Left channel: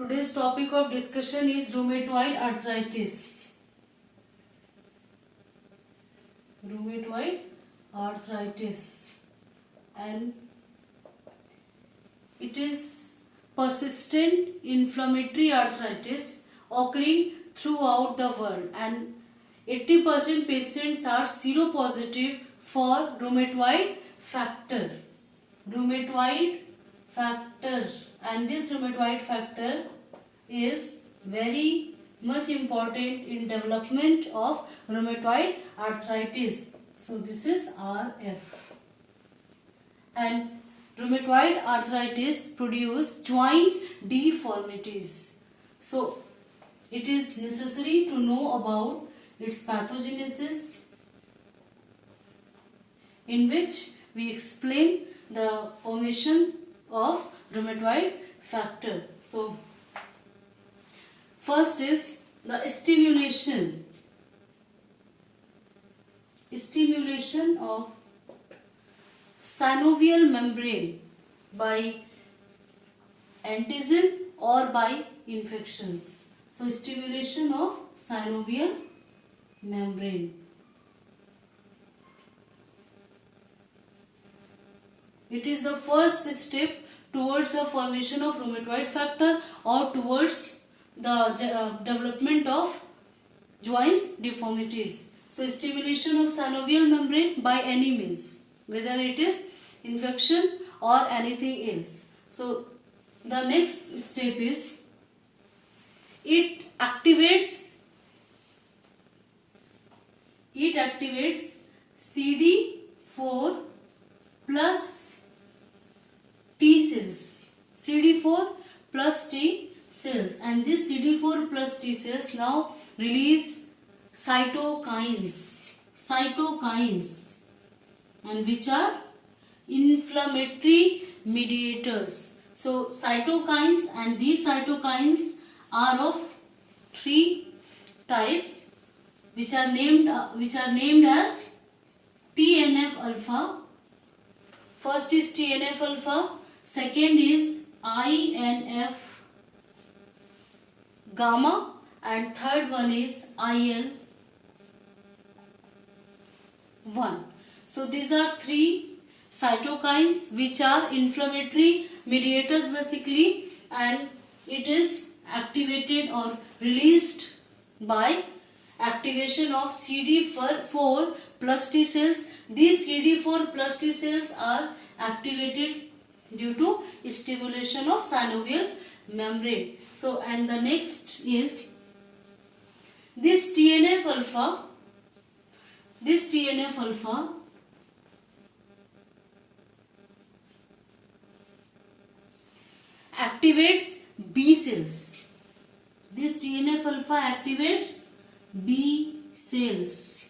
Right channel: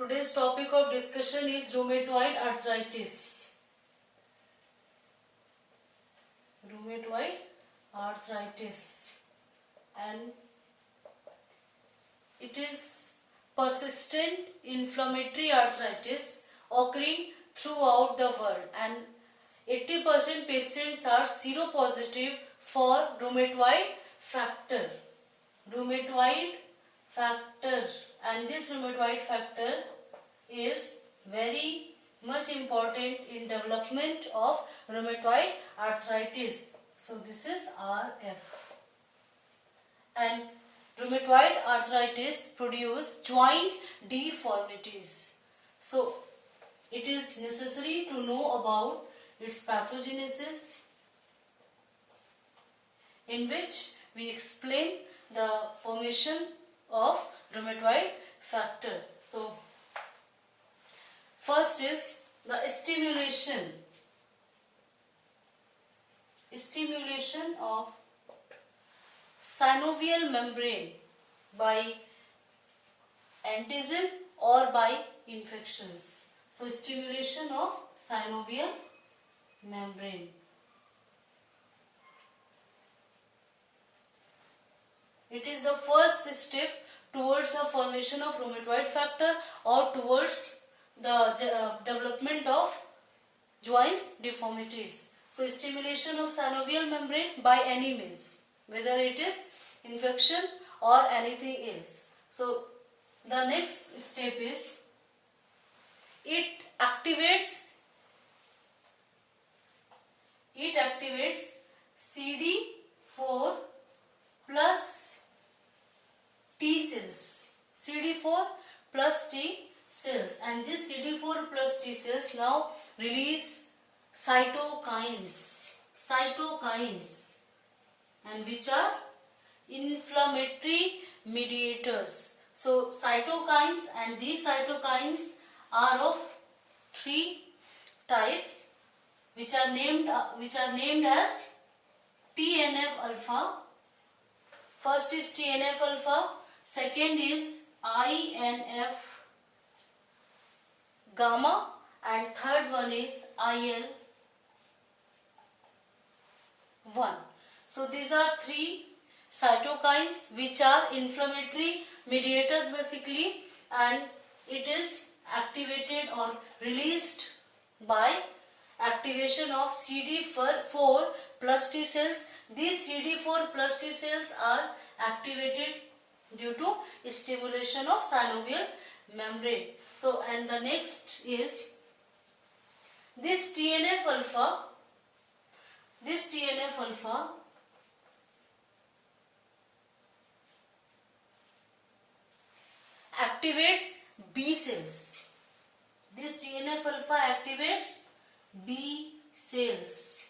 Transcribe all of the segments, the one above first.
Today's topic of discussion is rheumatoid arthritis. Rheumatoid arthritis, and it is persistent inflammatory arthritis occurring throughout the world, and 80% patients are seropositive for rheumatoid factor. Rheumatoid factor, and this rheumatoid factor is very much important in development of rheumatoid arthritis. So this is RF. And rheumatoid arthritis produce joint deformities. So it is necessary to know about its pathogenesis, in which we explain the formation of rheumatoid factor. So first is the stimulation of synovial membrane by antigen or by infections. So stimulation of synovial membrane. It is the first step towards the formation of rheumatoid factor or towards the development of joints deformities. So stimulation of synovial membrane by any means, whether it is infection or anything else. So the next step is it activates CD4 plus T cells. CD4 plus T cells, and this CD4 plus T cells now release cytokines, and which are inflammatory mediators. So cytokines, and these cytokines are of three types, which are named as TNF alpha. First is TNF alpha, second is INF gamma, and third one is IL-1. So these are three cytokines which are inflammatory mediators basically, and it is activated or released by activation of CD4 plus T cells. These CD4 plus T cells are activated due to stimulation of synovial membrane. So, and the next is this TNF alpha activates B cells. This TNF alpha activates B cells,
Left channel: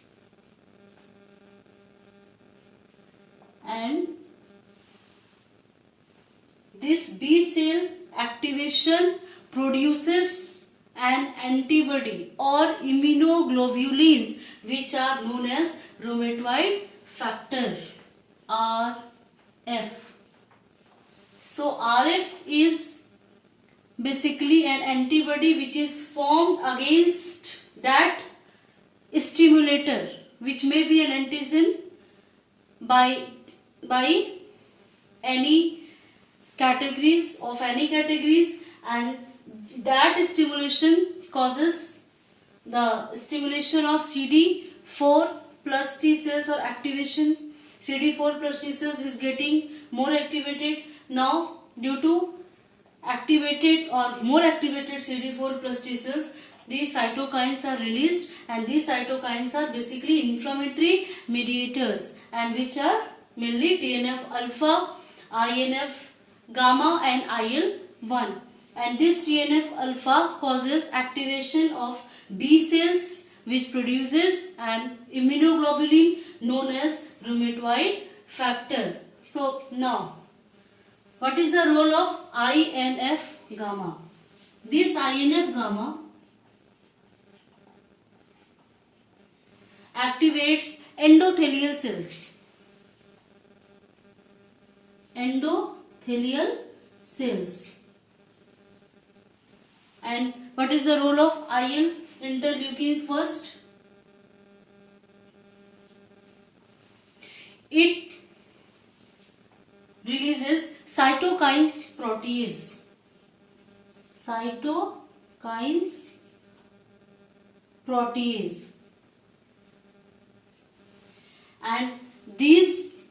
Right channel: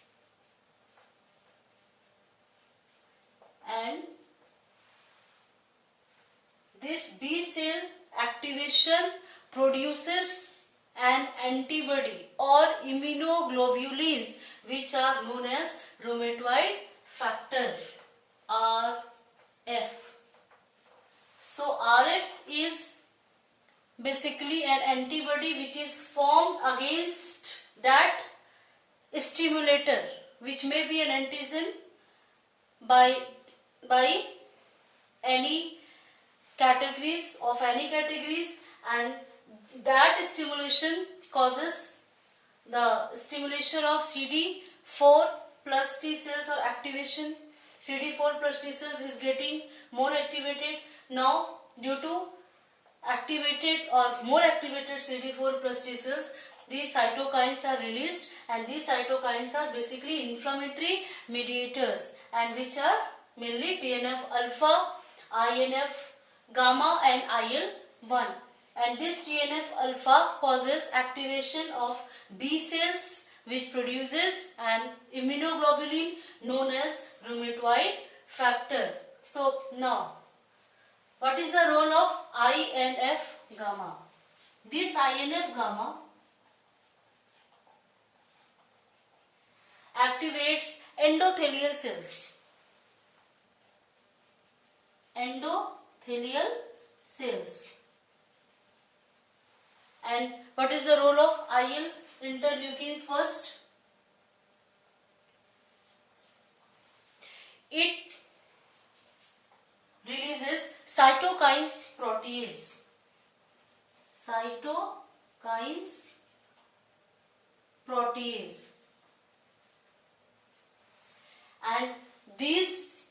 and this B cell activation produces an antibody or immunoglobulins which are known as rheumatoid factor, RF. So RF is basically an antibody which is formed against that stimulator, which may be an antigen by any categories, and that stimulation causes the stimulation of CD4 plus T cells or activation. CD4 plus T cells is getting more activated. Now due to activated or more activated CD4 plus T cells, these cytokines are released, and these cytokines are basically inflammatory mediators, and which are mainly TNF alpha, INF gamma, and IL-1. And this TNF alpha causes activation of B cells, which produces an immunoglobulin known as rheumatoid factor. So now, what is the role of INF gamma? This INF gamma activates endothelial cells. Endothelial cells. And what is the role of IL interleukins first? It releases cytokines protease. Cytokines protease. And these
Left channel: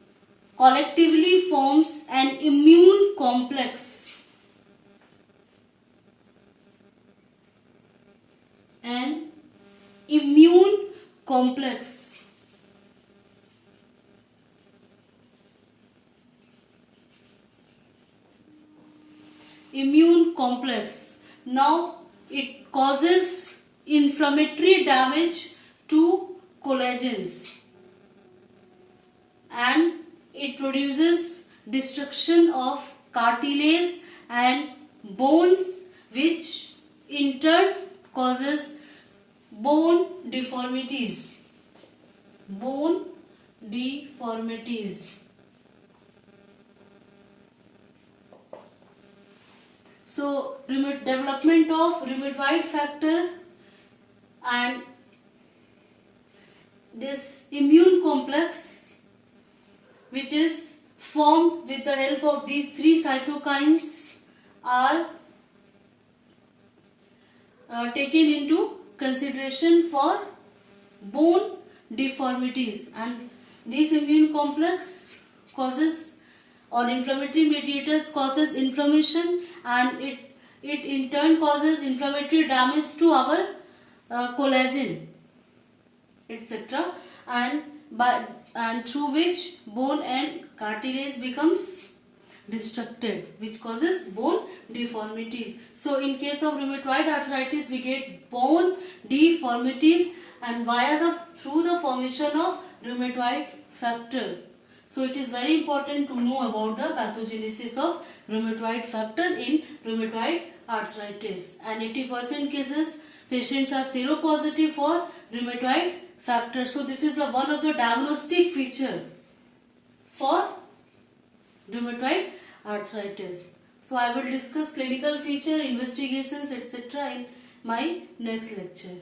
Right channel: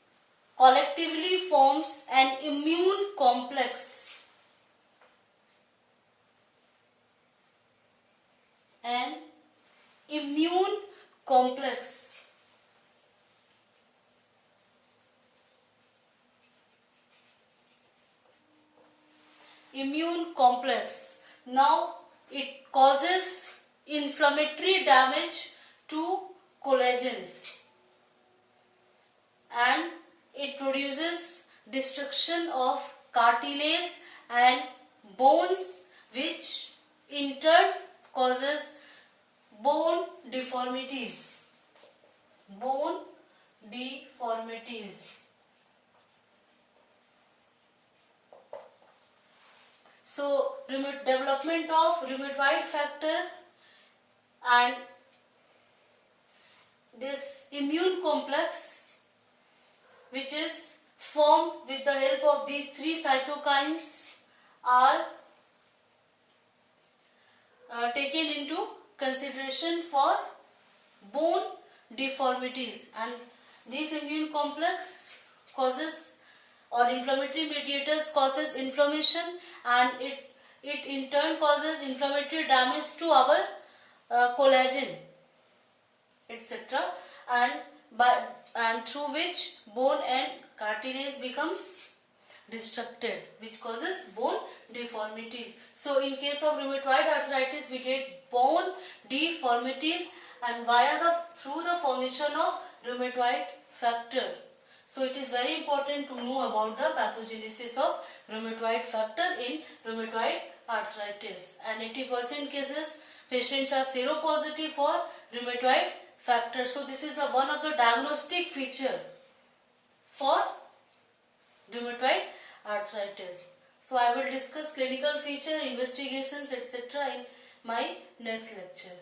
collectively forms an immune complex. An immune complex. Immune complex. Now it causes inflammatory damage to collagens and it produces destruction of cartilage and bones, which in turn causes bone deformities. Bone deformities. So, development of rheumatoid factor and this immune complex, which is formed with the help of these three cytokines, are taken into consideration for bone deformities. And this immune complex causes, or inflammatory mediators causes inflammation, and it in turn causes inflammatory damage to our collagen, etc. and through which bone and cartilage becomes destructed, which causes bone deformities. So in case of rheumatoid arthritis, we get bone deformities and through the formation of rheumatoid factor. So it is very important to know about the pathogenesis of rheumatoid factor in rheumatoid arthritis. And 80% cases patients are seropositive for rheumatoid factor. So this is one of the diagnostic feature for rheumatoid arthritis. So I will discuss clinical feature, investigations, etc. in my next lecture.